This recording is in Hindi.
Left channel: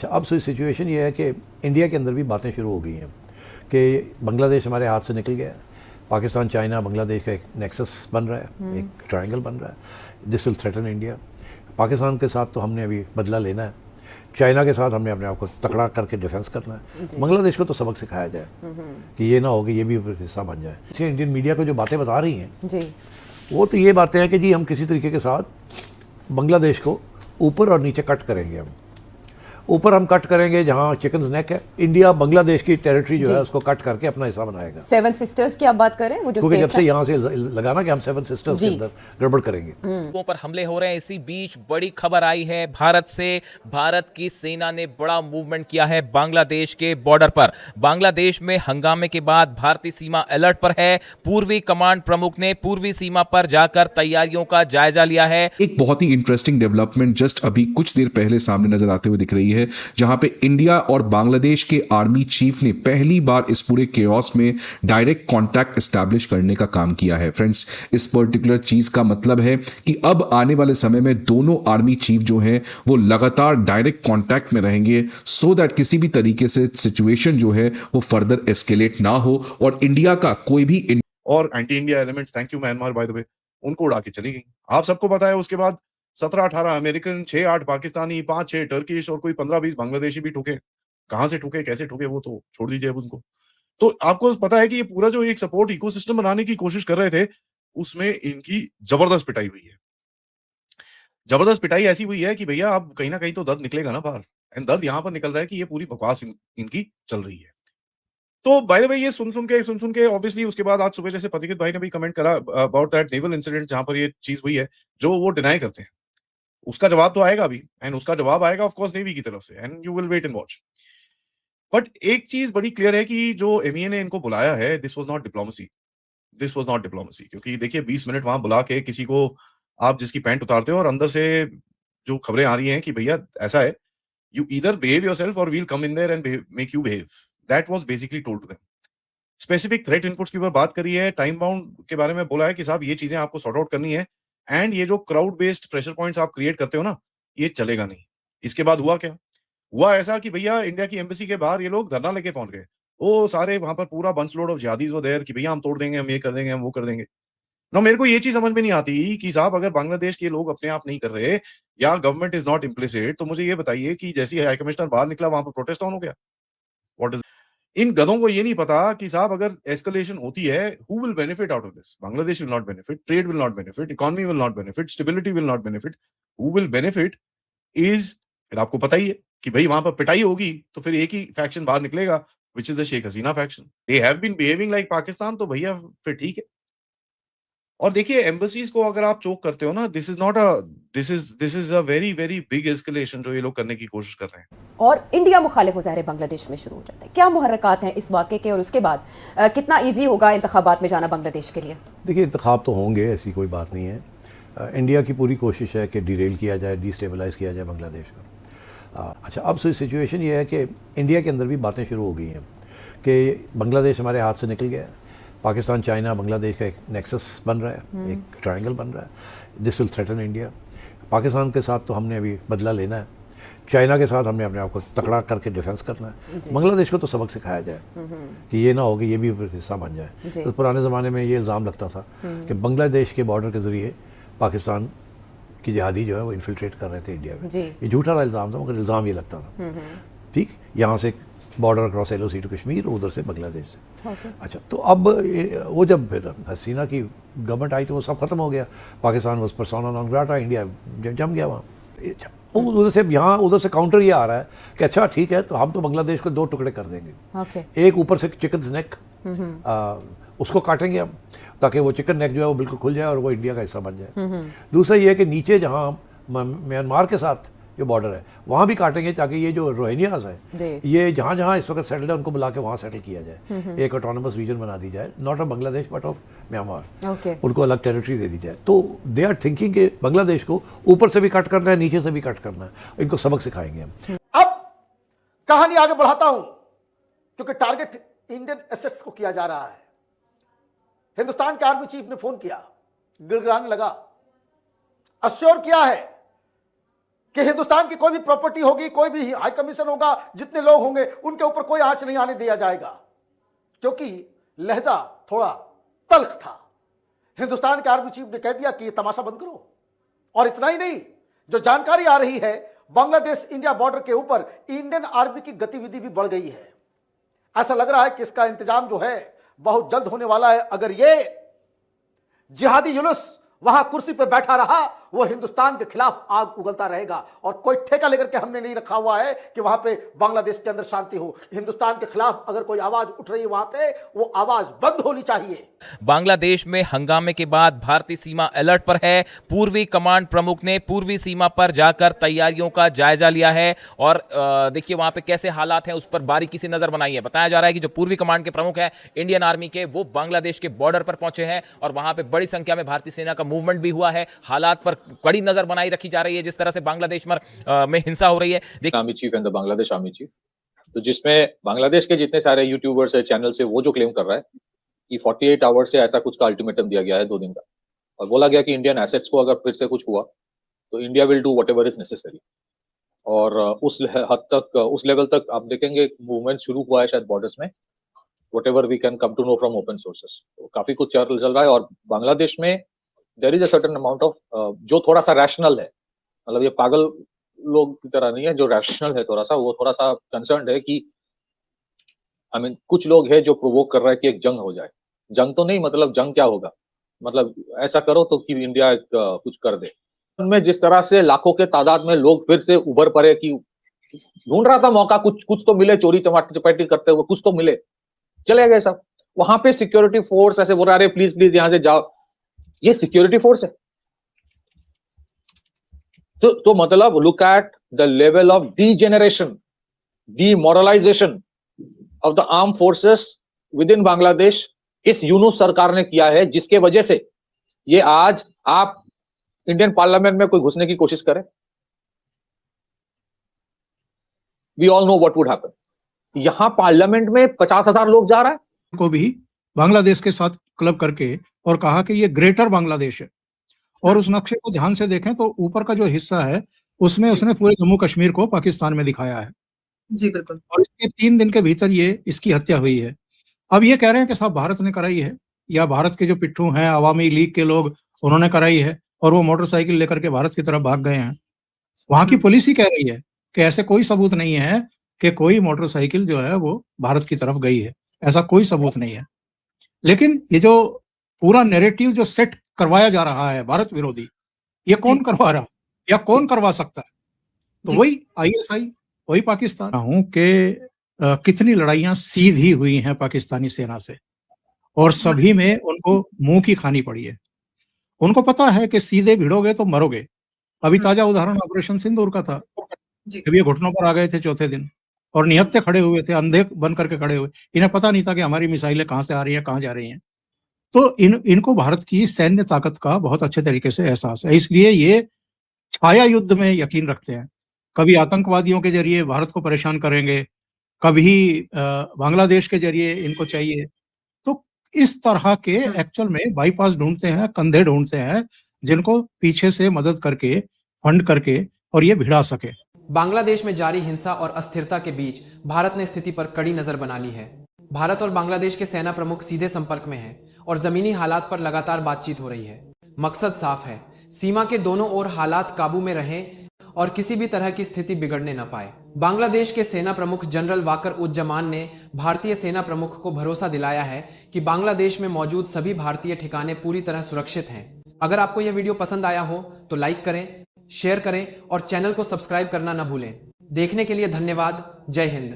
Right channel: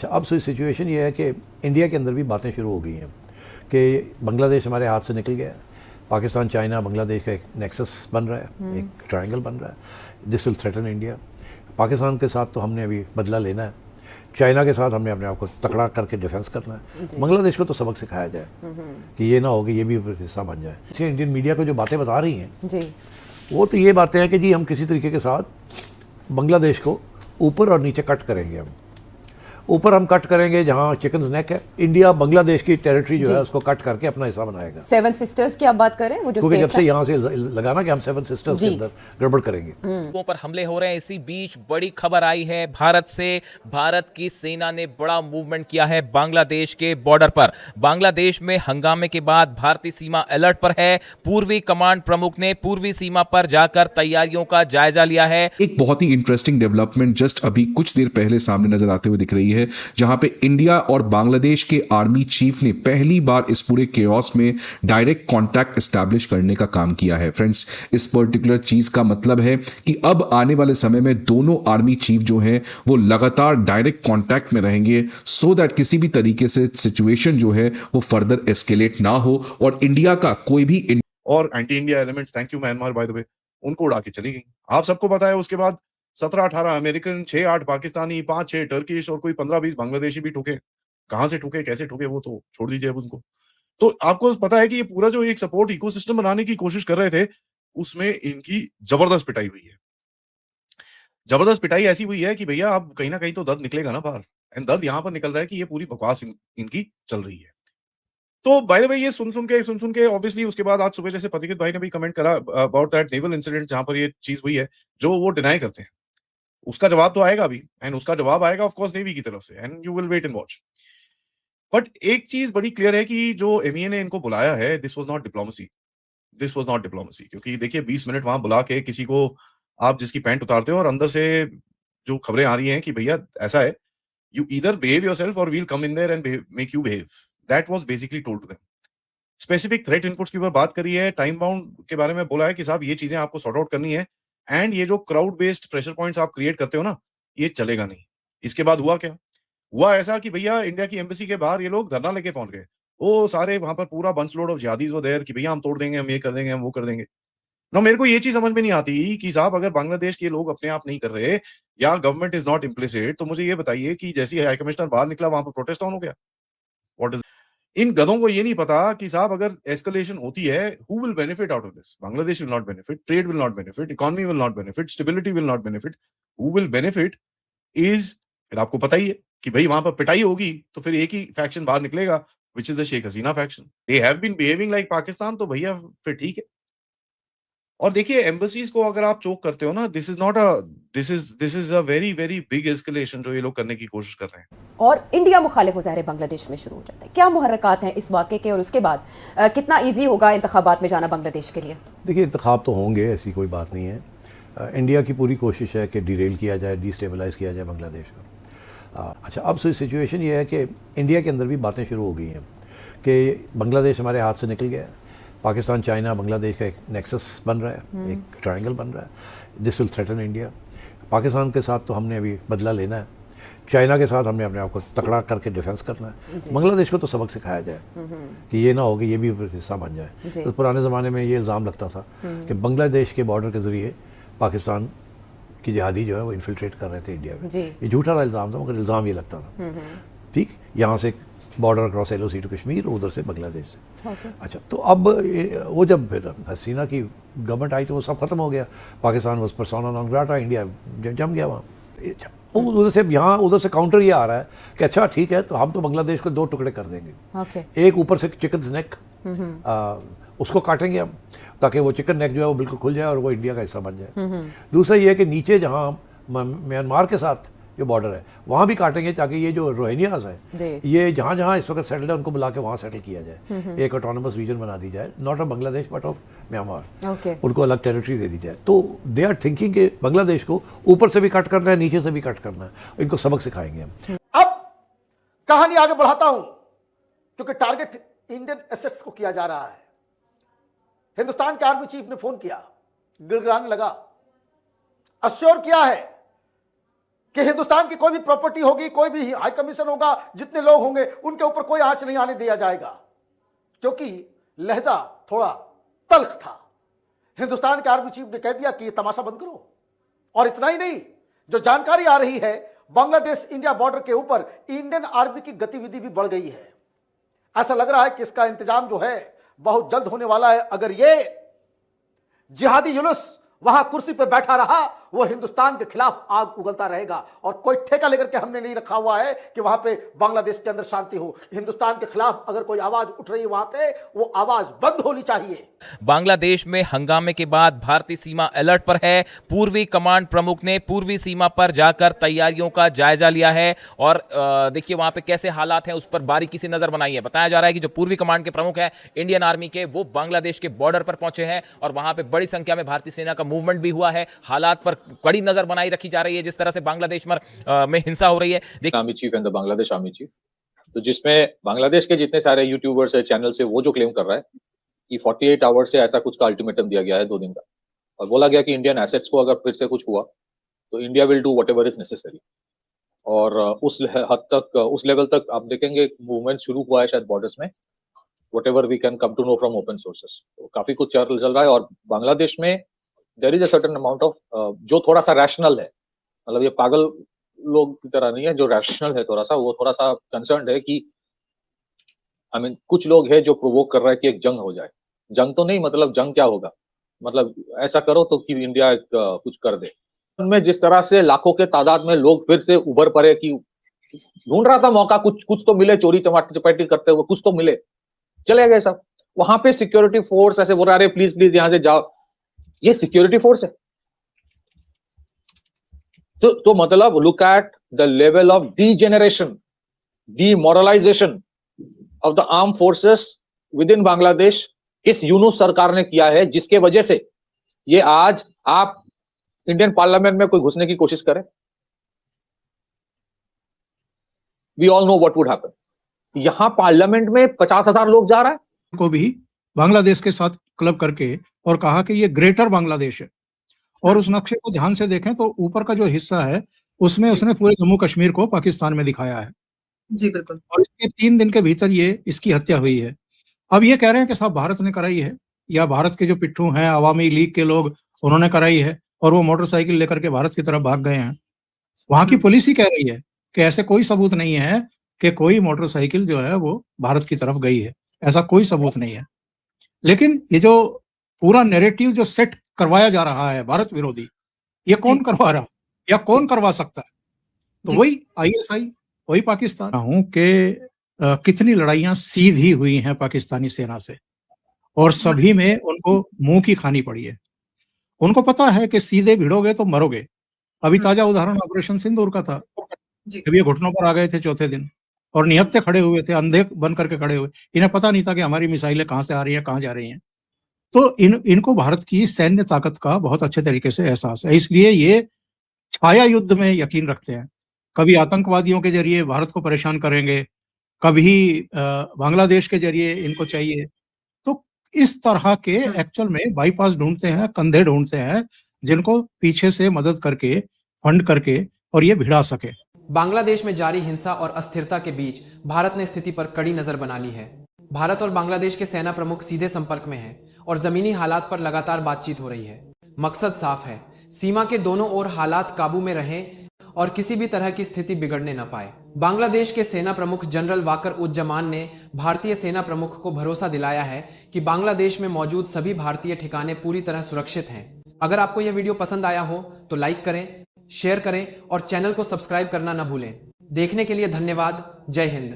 अच्छा, अब सिचुएशन ये है कि इंडिया के अंदर भी बातें शुरू हो गई हैं कि बांग्लादेश हमारे हाथ से निकल गया, पाकिस्तान चाइना बांग्लादेश का एक नेक्सस बन रहा है, एक ट्रायंगल बन रहा है, this will threaten India. Pakistan के साथ तो हमने अभी बदला लेना है, चाइना के साथ हमने अपने आप को तकड़ा करके डिफेंस करना है, बांग्लादेश को तो सबक सिखाया जाए कि ये ना हो कि ये भी हिस्सा बन जाए। इससे इंडियन मीडिया को जो बातें बता रही हैं जी, वो तो ये बातें हैं कि जी हम किसी तरीके के साथ बांग्लादेश को ऊपर और नीचे कट करेंगे। हम ऊपर हम कट करेंगे जहां चिकन नेक है, इंडिया बांग्लादेश की टेरिटरी जो है उसको कट करके अपना हिस्सा बनाएगा। सेवन सिस्टर्स की आप बात करें, वो जो क्योंकि जब स्टेट से था। यहाँ से लगाना कि हम सेवन सिस्टर्स के अंदर गड़बड़ करेंगे। लोगों पर हमले हो रहे हैं। इसी बीच बड़ी खबर आई है भारत से। भारत की सेना ने बड़ा मूवमेंट किया है बांग्लादेश के बॉर्डर पर। बांग्लादेश में हंगामे के बाद भारतीय सीमा अलर्ट पर है। पूर्वी कमांड प्रमुख ने पूर्वी सीमा पर जाकर तैयारियों का जायजा लिया है। एक बहुत ही इंटरेस्टिंग डेवलपमेंट जस्ट अभी कुछ देर पहले सामने नजर आते हुए दिख रही है, जहां पे इंडिया और बांग्लादेश के आर्मी चीफ ने पहली बार इस पूरे केओस में डायरेक्ट कांटेक्ट एस्टैब्लिश करने का काम किया है। फ्रेंड्स, इस पर्टिकुलर चीज का मतलब है कि अब आने वाले समय में दोनों आर्मी चीफ जो है वो लगातार डायरेक्ट कांटेक्ट में रहेंगे, सो दैट किसी भी तरीके से सिचुएशन जो है वो फर्दर एस्केलेट ना हो और इंडिया का कोई भी और anti India elements, thank you Myanmar by the way, उनको उड़ा के चली गई। आप सबको पता है उसके बाद 17-18 अमेरिकन, 6-8 पाकिस्तानी, 5-6 टर्किश और कोई 15-20 बांग्लादेशी भी ठुके। कहां से ठुके, कैसे ठुके, वो तो छोड़ दीजिए अब उनको। तो आपको पता है कि ये पूरा जो एक सपोर्ट इकोसिस्टम बनाने की कोशिश कर रहे थे, उसमें इनकी जबरदस्त पिटाई हुई है। जबरदस्त पिटाई ऐसी हुई है कि भैया अब कहीं ना कहीं तो दर्द निकलेगा ना बाहर। एंड दर्द यहां पर निकल रहा है कि ये पूरी बकवास इनकी चल रही है। तो बाय द वे ये सुन सुन के ऑब्वियसली उसके बाद आज सुबह जैसे पथिकृत भाई ने भी कमेंट करा अबाउट दैट नेवल इंसिडेंट जहां पर ये चीज हुई है, जो वो डिनाई करते हैं, उसका जवाब तो आएगा अभी, एंड उसका जवाब आएगा ऑफ कोर्स नेवी की तरफ से, and you will wait and watch. But एक चीज बड़ी क्लियर है कि जो एमईए ने इनको बुलाया है, this was not diplomacy, this was not diplomacy. क्योंकि देखिए 20 मिनट वहां बुला के किसी को आप जिसकी पैंट उतारते हो और अंदर से जो खबरें आ रही हैं कि भैया ऐसा है, यू ईदर बिहेव योरसेल्फ और will come in there and make you behave, that was basically told to them. Specific threat inputs के ऊपर बात करी है, टाइम बाउंड के बारे में बोला है कि साहब ये चीजें आपको सॉर्ट आउट करनी है, एंड ये जो क्राउड बेस्ड प्रेशर पॉइंट्स आप क्रिएट करते हो ना, ये चलेगा नहीं। इसके बाद हुआ क्या? हुआ ऐसा कि भैया इंडिया की एम्बेसी के बाहर ये लोग धरना लेके पहुंच गए। वो सारे वहां पर पूरा बंच लोड ऑफ जिहादीज व देयर कि भैया हम तोड़ देंगे, हम ये कर देंगे, हम वो कर देंगे। ना मेरे को ये चीज समझ में नहीं आती कि साहब अगर बांग्लादेश के लोग अपने आप नहीं कर रहे या गवर्नमेंट इज नॉट इम्प्लिसिट, तो मुझे ये बताइए कि जैसे ही हाई कमिश्नर बाहर निकला वहां पर प्रोटेस्ट ऑन हो गया। व्हाट इज, इन गधों को ये नहीं पता कि साहब अगर एस्केलेशन होती है, who will benefit out of this? Bangladesh will not benefit, trade will not benefit, economy will not benefit, stability will not benefit. Who will benefit is, फिर आपको पता ही है कि भाई वहां पर पिटाई होगी तो फिर एक ही फैक्शन बाहर निकलेगा, which is the Sheikh Hasina faction. They have been behaving like Pakistan, तो भैया फिर ठीक है। और देखिए एम्बसीज को अगर आप चोक करते हो ना, this is a very very big escalation जो ये लोग करने की कोशिश कर रहे हैं। और इंडिया मुखालिफ मुजाहरे बांग्लादेश में शुरू हो जाते हैं। क्या मुहर्रकात हैं इस वाक़े के, और उसके बाद कितना ईजी होगा इंतखाबात में जाना बांग्लादेश के लिए? देखिए, इंतखाब तो होंगे, ऐसी कोई बात नहीं है। इंडिया की पूरी कोशिश है कि डिरेल किया जाए, डिस्टेबलाइज किया जाए बांग्लादेश को। अच्छा, अब सिचुएशन ये है कि इंडिया के अंदर भी बातें शुरू हो गई हैं कि बांग्लादेश हमारे हाथ से निकल गया, पाकिस्तान चाइना बांग्लादेश का एक नेक्सस बन रहा है, एक ट्रायंगल बन रहा है, this will threaten India. Pakistan के साथ तो हमने अभी बदला लेना है, चाइना के साथ हमने अपने आप को तकड़ा करके डिफेंस करना है, बांग्लादेश को तो सबक सिखाया जाए कि ये ना हो कि ये भी हिस्सा बन जाए। तो पुराने ज़माने में ये इल्ज़ाम लगता था कि बांग्लादेश के बॉर्डर के ज़रिए पाकिस्तान की जिहादी जो है वो इन्फिल्ट्रेट कर रहे थे इंडिया में। ये झूठा वाला इल्ज़ाम था, मगर इल्ज़ाम ये लगता था। ठीक, यहाँ से border cross LOC to Kashmir, उधर से बांग्लादेश से। अच्छा, तो अब वो जब फिर हसीना की गवर्नमेंट आई तो वो सब खत्म हो गया, Pakistan was persona non grata, India जम गया वहाँ। अच्छा, उधर से यहाँ उधर से काउंटर ये आ रहा है कि अच्छा ठीक है, तो हम तो बांग्लादेश को 2 टुकड़े कर देंगे। एक ऊपर से चिकन नेक, उसको काटेंगे हम ताकि वो चिकन नेक जो है वो बिल्कुल खुल जाए और वो इंडिया का हिस्सा बन जाए। दूसरा ये है कि नीचे जहाँ म्यांमार के साथ जो बॉर्डर है वहाँ भी काटेंगे ताकि ये जो रोहिंग्यास है, ये जहाँ जहाँ इस वक्त सेटल है उनको बुला के वहाँ सेटल किया जाए, एक ऑटोनमस रीजन बना दी जाए, not of Bangladesh but of Myanmar, उनको अलग टेरिटरी दे दी जाए। तो दे आर थिंकिंग के बांग्लादेश को ऊपर से भी कट करना है, नीचे से भी कट करना है, इनको सबक सिखाएंगे हम। अब कहानी आगे बढ़ाता हूं, क्योंकि टारगेट इंडियन एसेट्स को किया जा रहा है। हिंदुस्तान के आर्मी चीफ ने फोन किया, गिड़गिड़ाने लगा, अश्योर किया है कि हिंदुस्तान की कोई भी प्रॉपर्टी होगी, कोई भी हाई कमीशन होगा, जितने लोग होंगे उनके ऊपर कोई आंच नहीं आने दिया जाएगा, क्योंकि लहजा थोड़ा तल्ख था। हिंदुस्तान के आर्मी चीफ ने कह दिया कि ये तमाशा बंद करो। और इतना ही नहीं, जो जानकारी आ रही है, बांग्लादेश इंडिया बॉर्डर के ऊपर इंडियन आर्मी की गतिविधि भी बढ़ गई है। ऐसा लग रहा है कि इसका इंतजाम जो है बहुत जल्द होने वाला है। अगर ये जिहादी जुलूस वहां कुर्सी पर बैठा रहा है, वो हिंदुस्तान के खिलाफ आग उगलता रहेगा। और कोई ठेका लेकर के हमने नहीं रखा हुआ है कि वहां पे बांग्लादेश के अंदर शांति हो। हिंदुस्तान के खिलाफ अगर कोई आवाज उठ रही है वहां पे, वो आवाज बंद होनी चाहिए। बांग्लादेश में हंगामे के बाद भारतीय सीमा अलर्ट पर है। पूर्वी कमांड प्रमुख ने पूर्वी सीमा पर जाकर तैयारियों का जायजा लिया है और देखिए वहां पे कैसे हालात हैं उस पर बारीकी से नजर बनाई है। बताया जा रहा है कि जो पूर्वी कमांड के प्रमुख है इंडियन आर्मी के, वो बांग्लादेश के बॉर्डर पर पहुंचे हैं और वहां पे बड़ी संख्या में भारतीय सेना का मूवमेंट भी हुआ है। हालात पर कड़ी नजर बनाई रखी जा रही है। जिस तरह से बांग्लादेश में हिंसा हो रही है, army cheap and the Bangladesh army chief, तो जिसमें बांग्लादेश के जितने सारे यूट्यूबर्स है, चैनल से, वो जो क्लेम कर रहा है कि 48 आवर्स से ऐसा कुछ का अल्टीमेटम दिया गया है 2 दिन का, और बोला गया कि इंडियन एसेट्स को अगर फिर से कुछ हुआ तो India will do whatever is necessary. और उस हद तक, उस लेवल तक आप देखेंगे मूवमेंट शुरू हुआ है शायद बॉर्डर्स में, whatever we can come to know from open sources. तो काफी कुछ चल रहा है और बांग्लादेश में there is a certain amount of जो थोड़ा सा रैशनल है, मतलब ये पागल लोग की तरह नहीं है, जो रैशनल है थोड़ा सा, वो थोड़ा सा कंसर्न है कि आई मीन कुछ लोग हैं जो वो कर रहे हैं कि जंग हो जाए। जंग तो नहीं, मतलब जंग क्या होगा, मतलब ऐसा करो तो कि इंडिया कुछ कर दे। उनमें जिस तरह से लाखों के तादाद में लोग फिर से उभर पड़े कि ढूंढ रहा था मौका, कुछ तो मिले, चोरी चपाटी करते हुए कुछ तो मिले, चले गए सब। वहां पे सिक्योरिटी फोर्स ऐसे बोल रहे, प्लीज प्लीज यहाँ से जाओ, ये सिक्योरिटी फोर्स है। तो मतलब look at the level of degeneration, demoralisation of the arm forces within Bangladesh इस यूनूस सरकार ने किया है, जिसके वजह से ये आज आप इंडियन पार्लियामेंट में कोई घुसने की कोशिश करें, we all know what would happen. यहां पार्लियामेंट में 50,000 लोग जा रहा है को भी बांग्लादेश के साथ क्लब करके और कहा कि ये ग्रेटर बांग्लादेश है। और उस नक्शे को ध्यान से देखें तो ऊपर का जो हिस्सा है उसमें उसने पूरे जम्मू कश्मीर को पाकिस्तान में दिखाया है। जी बिल्कुल। और इसके 3 दिन के भीतर ये इसकी हत्या हुई है। अब ये कह रहे हैं कि साहब भारत ने कराई है, या भारत के जो पिट्ठू हैं अवामी लीग के लोग, उन्होंने कराई है और वो मोटरसाइकिल लेकर के भारत की तरफ भाग गए हैं। वहां की पुलिस ही कह रही है कि ऐसे कोई सबूत नहीं है कि कोई मोटरसाइकिल जो है वो भारत की तरफ गई है, ऐसा कोई सबूत नहीं है। लेकिन ये जो पूरा नैरेटिव जो सेट करवाया जा रहा है भारत विरोधी, ये कौन करवा रहा है या कौन करवा सकता है? तो वही आईएसआई, वही पाकिस्तान। हूं कि कितनी लड़ाइयां सीधी हुई हैं पाकिस्तानी सेना से और सभी में उनको मुंह की खानी पड़ी है। उनको पता है कि सीधे भिड़ोगे तो मरोगे। अभी ताजा उदाहरण ऑपरेशन सिंदूर का था। जब ये घुटनों पर आ गए थे चौथे दिन और निहत्थे खड़े हुए थे, अंधे बन करके खड़े हुए, इन्हें पता नहीं था कि हमारी मिसाइलें कहां से आ रही हैं, कहां जा रही हैं। तो इनको भारत की सैन्य ताकत का बहुत अच्छे तरीके से एहसास है, इसलिए ये छाया युद्ध में यकीन रखते हैं। कभी आतंकवादियों के जरिए भारत को परेशान करेंगे, कभी बांग्लादेश के जरिए इनको चाहिए। तो इस तरह के एक्चुअल में बाईपास ढूंढते हैं, कंधे ढूंढते हैं, जिनको पीछे से मदद करके, फंड करके और ये भिड़ा सके। बांग्लादेश में जारी हिंसा और अस्थिरता के बीच भारत ने स्थिति पर कड़ी नजर बना ली है। भारत और बांग्लादेश के सेना प्रमुख सीधे संपर्क में हैं और जमीनी हालात पर लगातार बातचीत हो रही है। मकसद साफ है, सीमा के दोनों ओर हालात काबू में रहें और किसी भी तरह की स्थिति बिगड़ने न पाए। बांग्लादेश के सेना प्रमुख जनरल वाकर उज्जमान ने भारतीय सेना प्रमुख को भरोसा दिलाया है कि बांग्लादेश में मौजूद सभी भारतीय ठिकाने पूरी तरह सुरक्षित हैं। अगर आपको यह वीडियो पसंद आया हो तो लाइक करें, शेयर करें और चैनल को सब्सक्राइब करना न भूलें। देखने के लिए धन्यवाद। जय हिंद।